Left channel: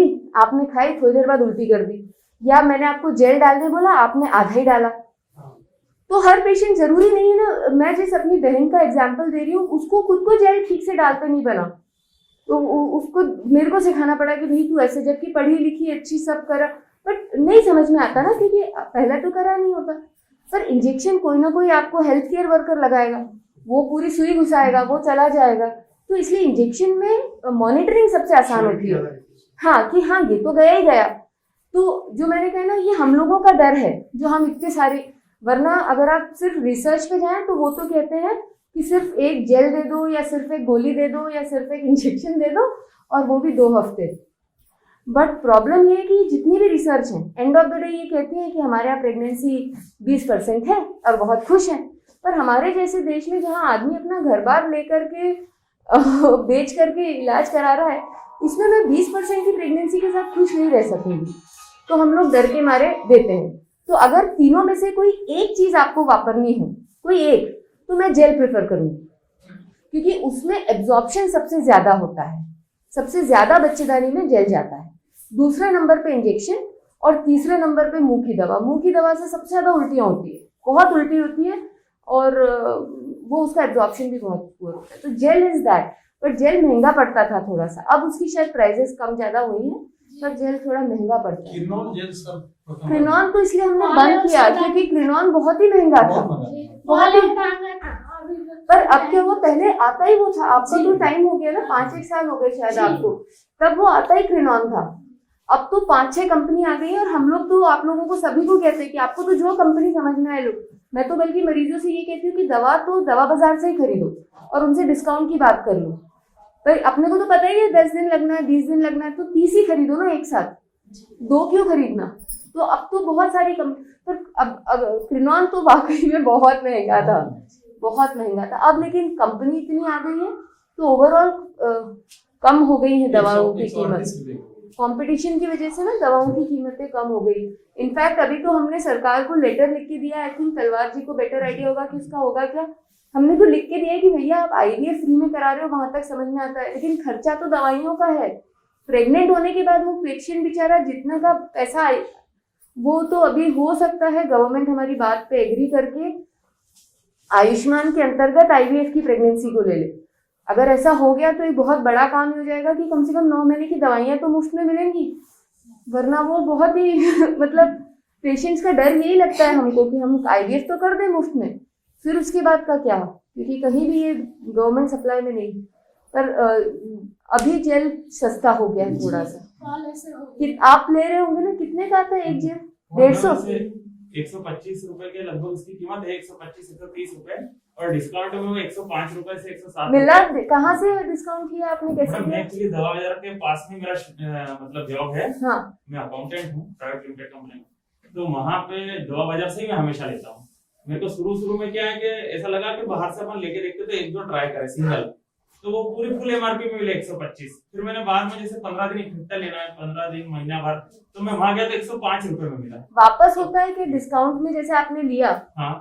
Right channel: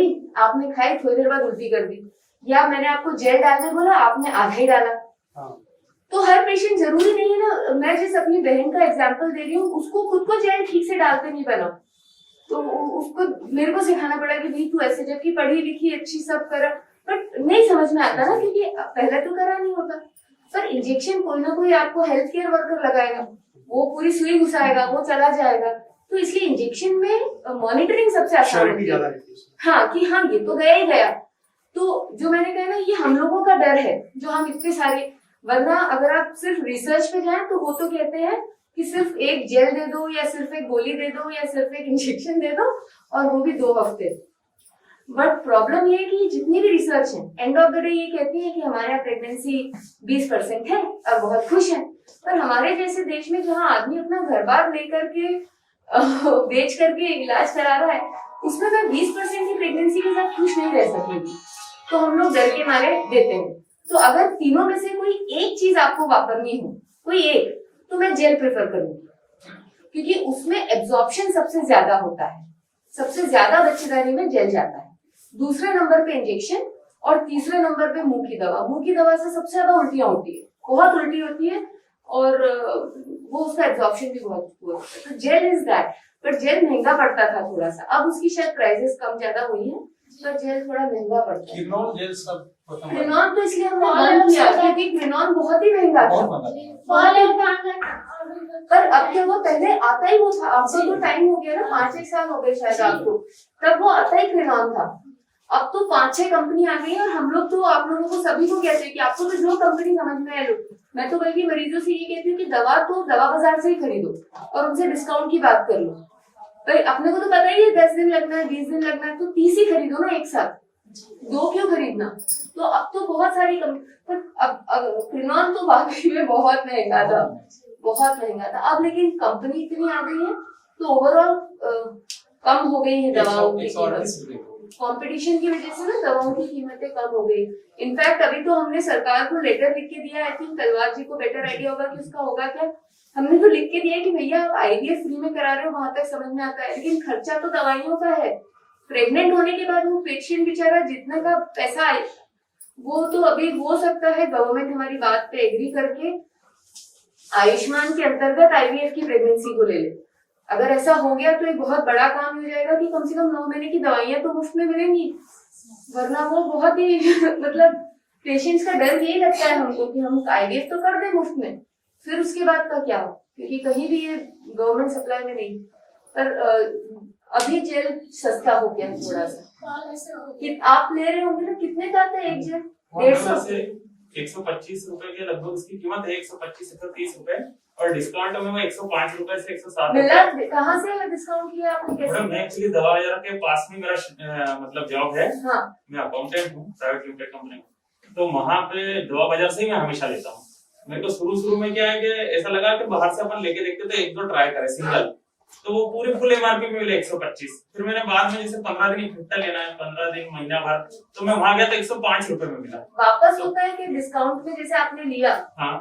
दी, आपने खाई, थोड़ी देर बाद उल्टी कर दी, या मैंने आपको जेल डालने बोला, आपने आधा ही डाला। तो हर पेशेंट जरूरी नहीं है ना, मैं जिस अपनी बहन का एग्जांपल दे रही हूँ उसको खुद को जेल ठीक से डालते नहीं बना, तो उसको मेरे को सिखाना पड़ा कि नहीं तू ऐसे, जबकि पढ़ी लिखी अच्छी सब करा, बट नहीं समझ में आता ना, क्योंकि पहले तो करा नहीं होता। पर इंजेक्शन कोई ना कोई आपको हेल्थ केयर वर्कर लगाएगा, वो पूरी सुई घुसाएगा, वो चला जाएगा, तो इसलिए इंजेक्शन में मॉनिटरिंग सबसे आसान होती है। हाँ कि हाँ ये तो गया ही गया। तो जो मैंने कहा ना, ये हम लोगों का डर है जो हम इतने सारे, वरना अगर आप सिर्फ रिसर्च पे जाएं तो वो तो कहते हैं कि सिर्फ एक जेल दे दो, या सिर्फ एक गोली दे दो, या सिर्फ एक इंजेक्शन दे दो, और वो भी 2 हफ्ते। बट प्रॉब्लम ये है कि जितनी भी रिसर्च है, एंड ऑफ द डे ये कहती है कि हमारे यहाँ प्रेगनेंसी 20% है और बहुत खुश है, पर हमारे जैसे देश में जहाँ आदमी अपना घर बार लेकर के बेच करके इलाज करा रहा है, उसमें मैं 20% की प्रेगनेंसी के साथ खुश नहीं रह सकूंगी, तो हम लोग डर के मारे देते हैं। तो अगर तीनों में से कोई एक चीज आपको वापरनी हो, कोई एक, तो मैं जेल प्रेफर करूंगी, क्योंकि उसमें एब्जॉर्प्शन सबसे ज्यादा होता है, सबसे ज्यादा बच्चेदानी में जेल जाता है, दूसरे नंबर पे इंजेक्शन, और तीसरे नंबर पे मुंह की दवा। मुंह की दवा से सबसे ज्यादा उल्टियां होती है, बहुत उल्टी होती है, और वो उसका एब्जॉर्प्शन भी बहुत पुअर होता है। तो jail is that, but jail महंगा पड़ता था थोड़ा सा, अब उसकी शायद प्राइसेस कम ज्यादा हुई है, पर जेल थोड़ा महंगा पड़ता है। क्रिनॉन तो इसलिए हमने बंद किया क्योंकि क्रिनॉन बहुत ही महंगा था, बहुत ही। पर अब क्या हुआ, पहले आता ही वो था, आपको तो टाइम हो गया ना, 5-6 साल हो गए शायद आपको, तब वो आता ही क्रिनॉन था। अब तो 5-6 कंपनी आ गई है, और हम लोग तो आप लोगों को सभी को कहते हैं कि आपको तो जो कंपनी समझ में आए लो। मैं तो बल्कि मरीजों से ये कहती हूँ कि दवा तो दवा बाजार से ही खरीदो और उनसे डिस्काउंट की बात कर लो। पर अपने को तो पता ही है 10 दिन लगना है, 20 दिन लगना है, तो 30 ही खरीदो ना एक साथ, 2 क्यों खरीदना। तो अब तो बहुत सारी पर अब क्रिनॉन तो वाकई में बहुत महंगा था, बहुत महंगा था। अब लेकिन कंपनी इतनी आ गई है तो ओवरऑल कम हो गई है दवाओं की कीमत, कंपटीशन की वजह से ना दवाओं की कीमतें कम हो गई। इनफैक्ट अभी तो हमने सरकार को लेटर लिख के दिया, आई थिंक तलवार जी को बेटर आइडिया होगा कि उसका होगा क्या। हमने तो लिख के दिया कि भैया आप आईवीएफ फ्री में करा रहे हो, वहां तक समझ में आता है, लेकिन खर्चा तो दवाइयों का है। प्रेग्नेंट होने के बाद वो पेशेंट बेचारा जितना का पैसा आए, वो तो अभी हो सकता है गवर्नमेंट हमारी बात पे एग्री करके आयुष्मान के अंतर्गत आईवीएफ की प्रेगनेंसी को ले ले। अगर ऐसा हो गया तो ये बहुत बड़ा काम हो जाएगा कि कम से कम 9 महीने की दवाइयां तो मुफ्त में मिलेंगी, वरना वो बहुत ही मतलब पेशेंट्स का डर यही लगता है हमको कि हम आईवीएफ तो कर दें मुफ्त में, फिर उसके बाद का क्या, क्योंकि कहीं भी ये गवर्नमेंट सप्लाई में नहीं। पर अभी जेल सस्ता हो गया थोड़ा सा, कि आप ले रहे होंगे ना, कितने का आता है एक जेल? 150 125 रुपए के लगभग उसकी कीमत है, 125 से 30 रुपए, और डिस्काउंट में वो 105 रुपए से 107 मिला। कहाँ से डिस्काउंट किया आपने, कैसे? मैं एक्चुअली दवा बाजार के पास में मेरा मतलब जॉब है। हाँ। मैं अकाउंटेंट हूँ प्राइवेट लिमिटेड कंपनी में, तो वहाँ पे दवा बाजार से ही मैं हमेशा लेता हूँ। मेरे को शुरू में क्या है कि ऐसा लगा कि बाहर से अपन लेके देखते तो 1-2 ट्राई करे सिंगल, तो वो पूरे फुल एमआरपी में मिले 125। फिर मैंने बाद में जैसे 15 दिन इकट्ठा लेना है, 15 दिन महीना भर, तो मैं वहां गया तो 105 रुपए में मिला। वापस होता है कि डिस्काउंट में जैसे आपने लिया, हाँ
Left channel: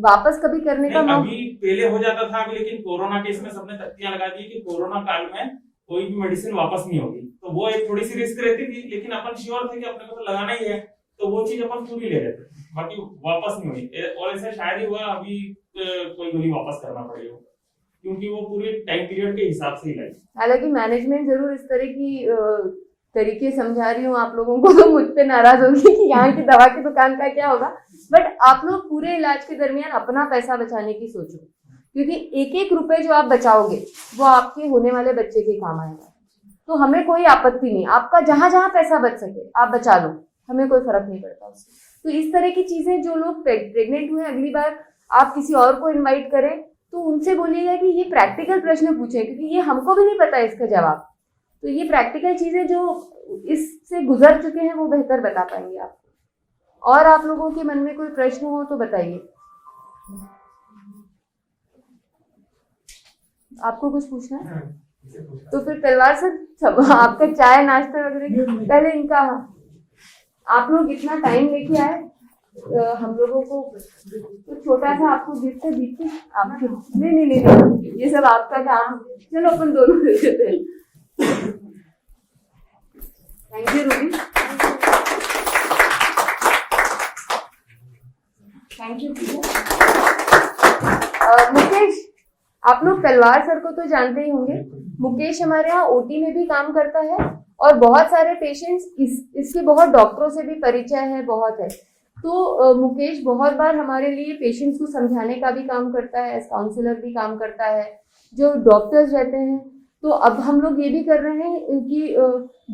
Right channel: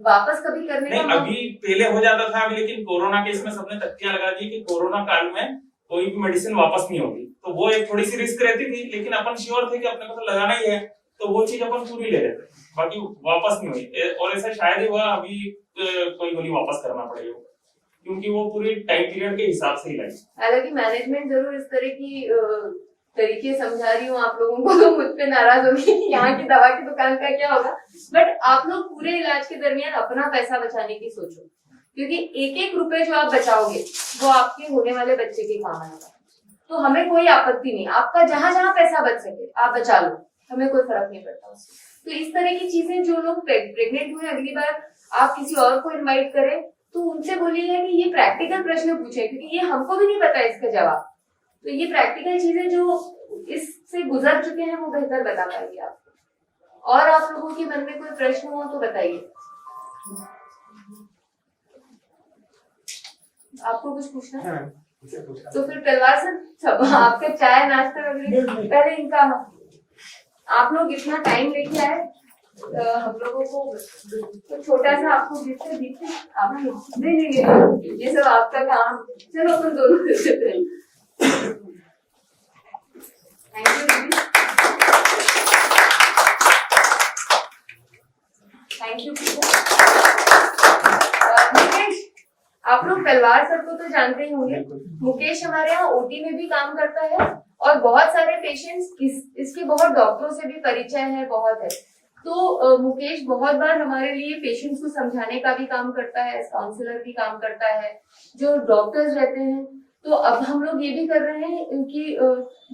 वापस कभी करने का अभी पहले हो जाता था, अभी लेकिन कोरोना के इसमें सबने तख्तियां लगा दी कि कोरोना काल में कोई भी मेडिसिन वापस नहीं होगी, तो वो एक थोड़ी सी रिस्क रहती थी, लेकिन अपन श्योर थे कि अपने को तो लगाना ही है, तो वो चीज अपन पूरी ले रहे थे, बाकी वापस नहीं हुई। और ऐसा शायद ही हुआ अभी कोई गोली वापस करना पड़ेगा, क्योंकि वो पूरी टाइम पीरियड के हिसाब से ही लगी। हालांकि मैनेजमेंट जरूर इस तरह की तरीके समझा रही हूँ आप लोगों को, तो मुझ पे नाराज होगी कि यहाँ की दवा की दुकान का क्या होगा, बट आप लोग पूरे इलाज के दरमियान अपना पैसा बचाने की सोचो, क्योंकि 1-1 रुपए जो आप बचाओगे वो आपके होने वाले बच्चे के काम आएगा। तो हमें कोई आपत्ति नहीं, आपका जहां जहां पैसा बच सके आप बचा लो, हमें कोई फर्क नहीं पड़ता उससे। तो इस तरह की चीजें, जो लोग प्रेग्नेंट हुए, अगली बार आप किसी और को इन्वाइट करें तो उनसे बोलिएगा कि ये प्रैक्टिकल प्रश्न पूछे, क्योंकि ये हमको भी नहीं पता इसका जवाब। तो ये प्रैक्टिकल चीजें जो इससे गुजर चुके हैं वो बेहतर बता पाएंगे आपको। और आप लोगों के मन में कोई प्रश्न हो तो बताइए। आपको कुछ पूछना है? तो फिर तलवार सर, आपका चाय नाश्ता वगैरह पहले इनका, आप लोग इतना टाइम लेके आए, हम लोगों को तो छोटा सा आपको गिफ्ट दीजिए। आप नहीं, ये सब आपका काम, चलो अपन दोनों देते हैं। तलवार सर को तो जानते ही होंगे। मुकेश हमारे यहाँ ओटी में भी काम करता है और बहुत सारे पेशेंट्स इसके बहुत डॉक्टरों से भी परिचय है, बहुत है। तो मुकेश बहुत बार हमारे लिए पेशेंट्स को समझाने का भी काम करता है, काउंसलर भी काम करता है, जो डॉक्टर्स रहते हैं। तो अब हम लोग ये भी कर रहे हैं कि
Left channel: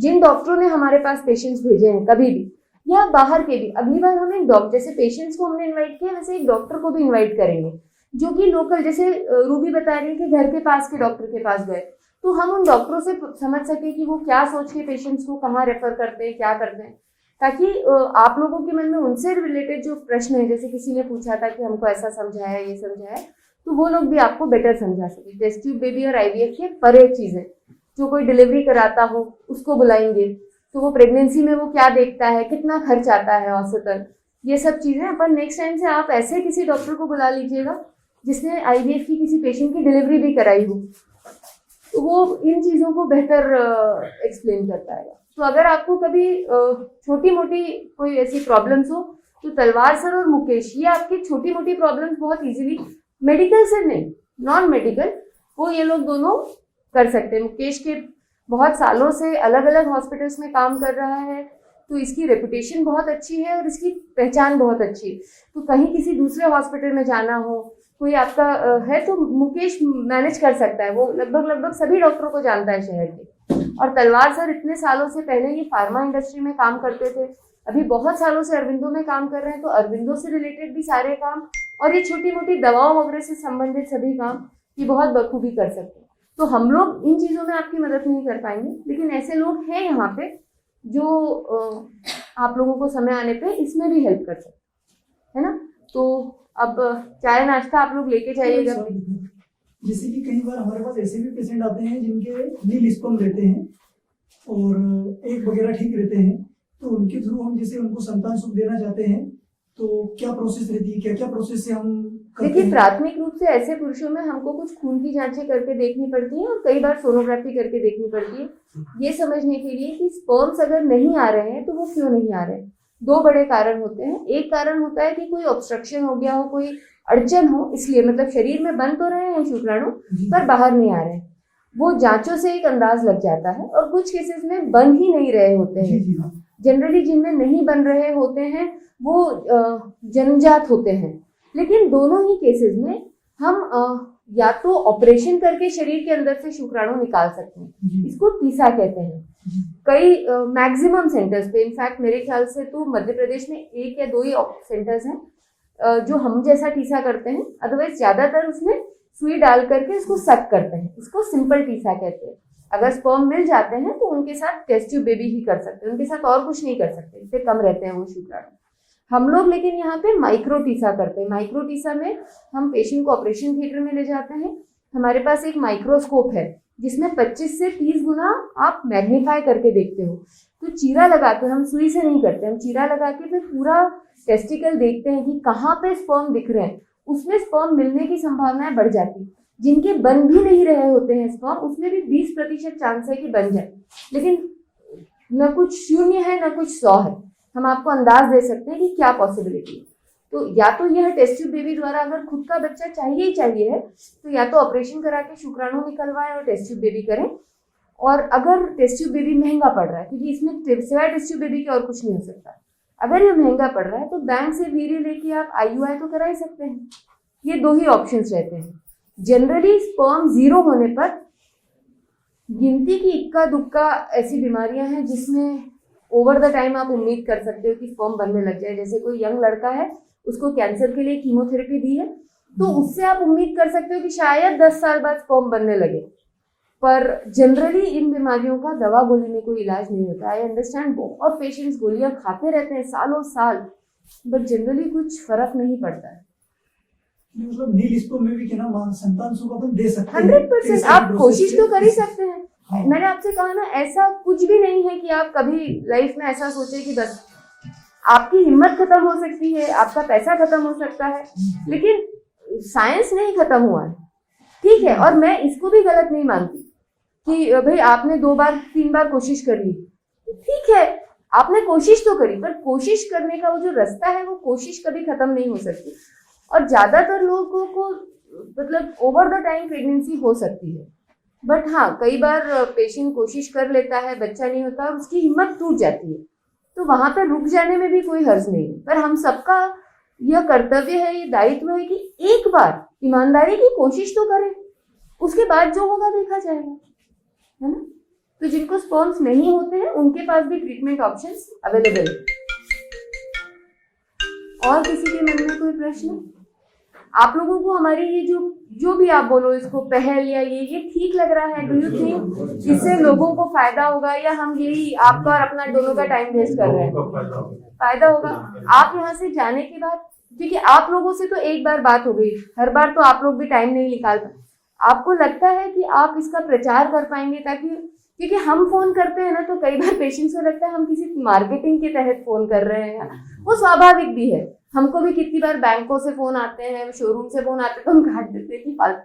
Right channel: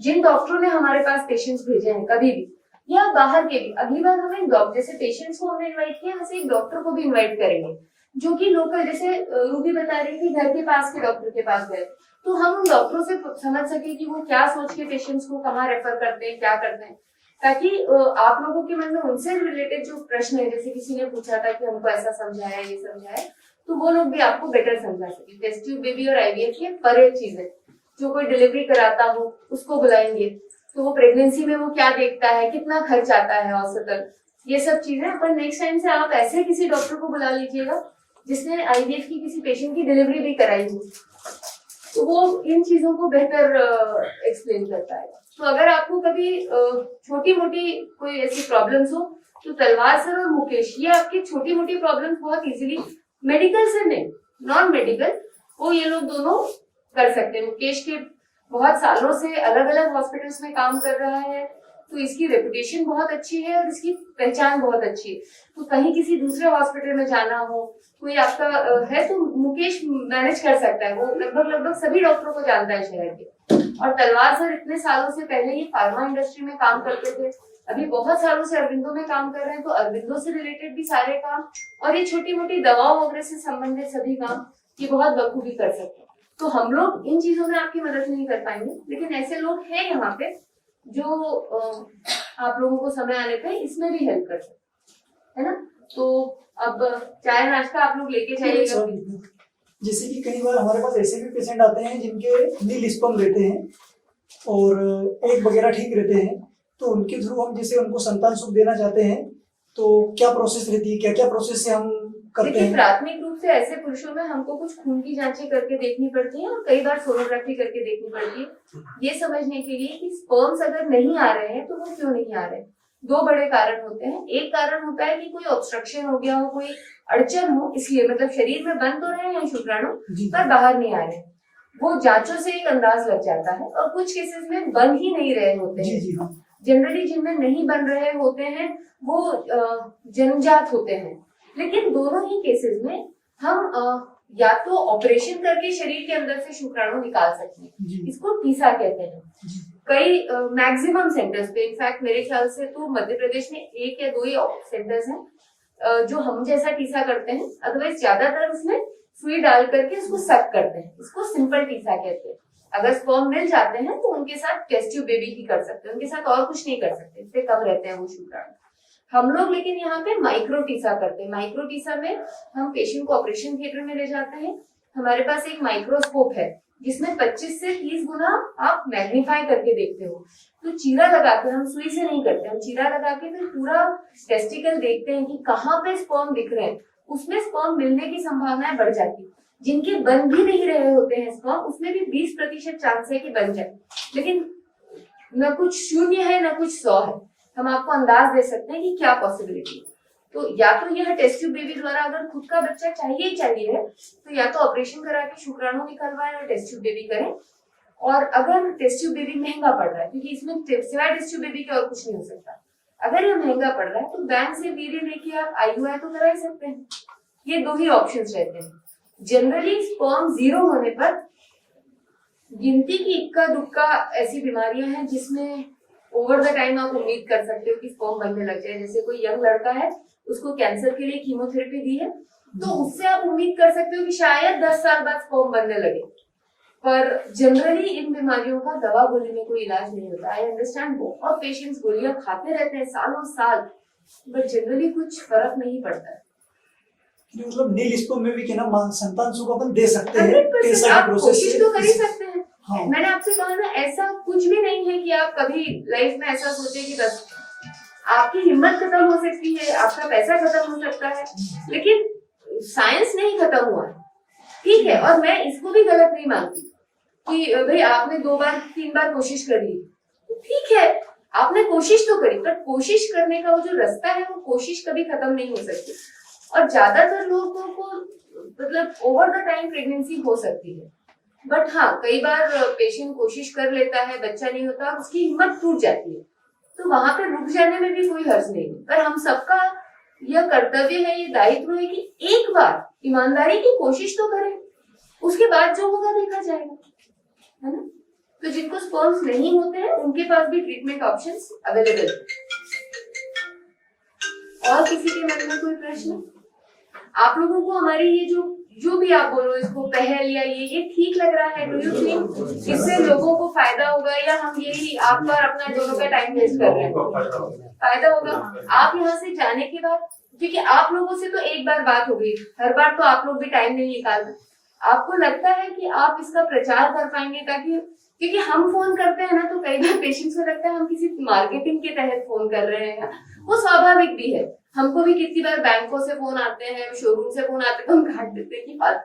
जिन डॉक्टरों ने हमारे पास पेशेंट्स भेजे हैं कभी भी या बाहर के भी, अगली बार हमें डॉक्टर जैसे पेशेंट्स को हमने इनवाइट किया, वैसे एक डॉक्टर को भी इनवाइट करेंगे जो कि लोकल, जैसे रूबी बता रही थी घर के पास के डॉक्टर के पास गए, तो हम उन डॉक्टरों से समझ सके कि वो क्या सोच के पेशेंट्स को कहाँ रेफर करते हैं, क्या करते हैं, ताकि आप लोगों के मन में उनसे रिलेटेड जो प्रश्न है, जैसे किसी ने पूछा था कि हमको ऐसा समझाया, ये समझाया, तो वो लोग भी आपको बेटर समझा सके। टेस्ट ट्यूब बेबी और आईवीएफ के परे चीजें, जो कोई डिलीवरी कराता हो उसको बुलाएंगे, तो वो प्रेगनेंसी में वो क्या देखता है, कितना खर्च आता है औसतन, ये सब चीजें अपन नेक्स्ट टाइम से आप ऐसे किसी डॉक्टर को बुला लीजिएगा जिसने आईवीएफ की किसी पेशेंट की डिलीवरी भी कराई हो, तो वो इन चीजों को बेहतर एक्सप्लेन करता है। तो अगर आपको कभी छोटी मोटी कोई ऐसी प्रॉब्लम्स हो तो तलवार सर और मुकेश ये आपकी छोटी मोटी प्रॉब्लम्स बहुत इजीली, मेडिकल से नहीं नॉन मेडिकल, वो ये लोग दोनों कर सकते हैं। मुकेश के बहुत सालों से अलग अलग हॉस्पिटल्स में काम कर रहा है, तो इसकी रेपुटेशन बहुत अच्छी है और इसकी पहचान बहुत अच्छी है। तो कहीं किसी दूसरे हॉस्पिटल में जाना हो, कोई आपका है, तो मुकेश मैनेज कर सकता है। वो लगभग सभी डॉक्टरों को जानता है शहर के। और तलवार सर इतने सालों से, पहले ये फार्मा इंडस्ट्री में काम करते थे, अभी बहुत सालों से अरविंदो में काम कर रहे हैं, तो अरविंदो से रिलेटेड भी सारे काम और ये छोटी मोटी दवाओं वगैरह से संबंधित सभी काम ये बहुत बखूबी कर सकते हैं। तो हम लोग इन चीजों में आपकी मदद नहीं कर पाएंगे, लेकिन ऐसे लोग हैं यहाँ पे जो आप लोगों को समय आने पे इसमें भी हेल्प कर सकते है ना। तो अब चाय नाश्ता आप लोग लेके जाइएगा। जैसे कि कई बार हमारे पास ऐसे भी पेशेंट आते हैं जिनके नील स्पर्म रहते हैं और एग वगैरह ठीक रहते हैं, तो उनके थ्रू हम जैसे उनको संतान सुख देना चाहते हैं, तो क्या प्रोसेस रहती है, क्या क्या प्रोसेस से हम करते देखिए, हैं? प्राथमिक रूप से ऐसे पुरुषों में हमको कुछ खून की जांचें करके देखनी पड़ती है और कई बार सोनोग्राफी करके देखनी पड़ती है, ये समझने के लिए कि स्पर्म्स अगर नहीं आ रहे हैं तो वो क्यों नहीं आ रहे हैं। दो बड़े कारण होते हैं। एक कारण होता है कि कोई ऑब्स्ट्रक्शन हो गया हो, कोई अड़चन हो, इसलिए मतलब शरीर में बन तो रहे हैं शुक्राणु पर बाहर नहीं आ रहे, वो जांचों से एक अंदाज लग जाता है। और कुछ केसेस में बन ही नहीं रहे होते हैं। जनरली जिनमें नहीं बन रहे होते हैं वो जन्मजात होते हैं, लेकिन दोनों ही केसेस में हम या तो ऑपरेशन करके शरीर के अंदर से शुक्राणु निकाल सकते हैं, इसको टीसा कहते हैं। कई मैक्सिमम सेंटर्स पे, इनफैक्ट मेरे ख्याल से तो मध्य प्रदेश में 1 या 2 ही सेंटर्स हैं जो हम जैसा टीसा करते हैं, अदरवाइज ज्यादातर उसमें सुई डाल करके उसको सक करते हैं, इसको सिंपल टीसा कहते हैं। अगर स्पर्म मिल जाते हैं तो उनके साथ टेस्ट ट्यूब बेबी ही कर सकते हैं, उनके साथ और कुछ नहीं कर सकते, इससे कम रहते हैं वो शुक्राणु। हम लोग लेकिन यहाँ पे माइक्रो टीसा करते हैं। माइक्रो टीसा में हम पेशेंट को ऑपरेशन थिएटर में ले जाते हैं, हमारे पास एक माइक्रोस्कोप है जिसमें 25 से 30 गुना आप मैग्नीफाई करके देखते हो। तो चीरा लगा के, हम सुई से नहीं करते, हम चीरा लगा के फिर पूरा टेस्टिकल देखते हैं कि कहाँ पे स्पर्म दिख रहे हैं, उसमें स्पर्म मिलने की संभावनाएं बढ़ जाती। जिनके बन भी नहीं रहे होते हैं स्पर्म, उसमें भी 20% चांस है कि बन जाए, लेकिन न कुछ 0 है न कुछ 100 है। हम आपको अंदाज दे सकते हैं कि क्या पॉसिबिलिटी है। तो या तो यह टेस्ट ट्यूब बेबी द्वारा अगर खुद का बच्चा चाहिए ही चाहिए है, तो या तो ऑपरेशन करा के शुक्राणु निकलवाएं और टेस्ट ट्यूब बेबी करें। और अगर टेस्ट ट्यूब बेबी महंगा पड़ रहा है, क्योंकि इसमें सिवाय टेस्ट ट्यूब बेबी के और कुछ नहीं हो सकता, अगर ये महंगा पड़ रहा है तो बैंक से वीर्य लेके आप IUI तो करा ही सकते हैं। ये 2 ही ऑप्शंस रहते हैं। जनरली स्पर्म 0 होने पर गिनती की इक्का दुक्का ऐसी बीमारियां हैं जिसमें ओवर द टाइम आप उम्मीद कर सकते हो कि स्पर्म बनने लग जाए। जैसे कोई यंग लड़का है, उसको कैंसर के लिए कीमोथेरेपी दी है, तो उससे आप उम्मीद कर सकते हो कि शायद 10 साल बाद स्पर्म बनने लगे। पर जनरली इन बीमारियों का दवा गोली में कोई इलाज नहीं होता। आई अंडरस्टैंड, बहुत पेशेंट्स गोलियां खाते रहते हैं सालों साल, बट जनरली कुछ फर्क नहीं पड़ता है। मतलब नील स्पर्म में भी क्या ना संतान सुख अपन दे सकते हैं। 100% आप कोशिश तो कर ही सकते हैं। हाँ। मैंने आपसे कहा ना, ऐसा कुछ भी नहीं है कि आप कभी लाइफ में ऐसा सोचे कि बस आपकी हिम्मत खत्म हो सकती है, आपका पैसा खत्म हो सकता है, लेकिन साइंस नहीं खत्म हुआ है, ठीक है। और मैं इसको भी गलत नहीं मानती कि भाई आपने 2 बार 3 बार कोशिश कर ली, ठीक है, आपने कोशिश तो करी, पर कोशिश करने का वो जो रास्ता है वो कोशिश कभी खत्म नहीं हो सकती। और ज्यादातर लोगों को मतलब ओवर द टाइम प्रेगनेंसी हो सकती है, बट हाँ कई बार पेशेंट कोशिश कर लेता है, बच्चा नहीं होता, उसकी हिम्मत टूट जाती है, तो वहां पर रुक जाने में भी कोई हर्ज नहीं है। पर हम सबका यह कर्तव्य है, ये दायित्व है कि एक बार ईमानदारी की कोशिश तो करें, उसके बाद जो होगा देखा जाएगा, है ना। तो जिनको स्पर्म्स नहीं होते हैं उनके पास भी ट्रीटमेंट ऑप्शंस अवेलेबल है। और किसी के मन में कोई प्रश्न? आप लोगों को हमारी ये जो भी आप बोलो इसको पहल या ये ठीक लग रहा है? डू यू थिंक इससे लोगों को फायदा होगा, या हम यही आपका और अपना दोनों का टाइम वेस्ट कर रहे हैं? फायदा होगा। आप यहाँ से जाने के बाद, क्योंकि आप लोगों से तो एक बार बात हो गई, हर बार तो आप लोग भी टाइम नहीं निकाल पाए, आपको लगता है कि आप इसका प्रचार कर पाएंगे? ताकि क्योंकि हम फोन करते हैं ना, तो कई बार पेशेंट्स को लगता है हम किसी मार्केटिंग के तहत फोन कर रहे हैं, वो स्वाभाविक भी है। हमको भी कितनी बार बैंकों से फोन आते हैं, शोरूम से फोन आते हैं, तो हम काट देते हैं कि फालतू।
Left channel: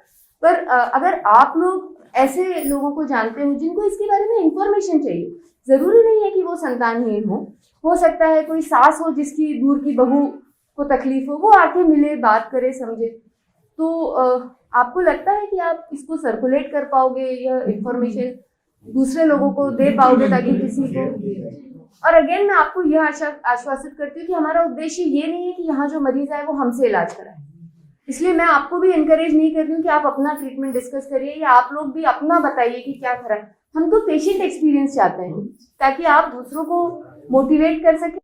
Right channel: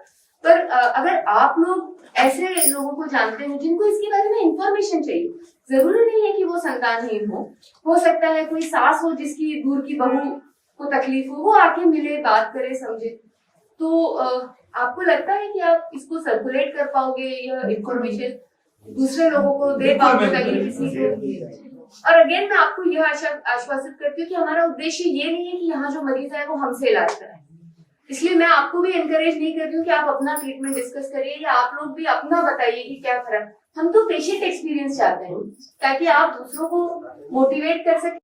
पर अगर आप लोग ऐसे लोगों को जानते हैं जिनको इसके बारे में इंफॉर्मेशन चाहिए, जरूरी नहीं है कि वो संतानहीन हो सकता है कोई सास हो जिसकी दूर की बहू को तकलीफ हो, वो आके मिले, बात करे, समझे, तो आपको लगता है कि आप इसको सर्कुलेट कर पाओगे, यह इंफॉर्मेशन दूसरे लोगों को दे पाओगे ताकि किसी को। और अगेन मैं आपको यह आश्वासित करती हूँ कि हमारा उद्देश्य ये नहीं है कि यहाँ जो मरीज आए वो हमसे इलाज कराए, इसलिए मैं आपको भी एनकरेज नहीं कर रही हूँ कि आप अपना ट्रीटमेंट डिस्कस करिए, या आप लोग भी अपना बताइए कि क्या करा। हम तो पेशेंट एक्सपीरियंस चाहते हैं ताकि आप दूसरों को मोटिवेट कर सके।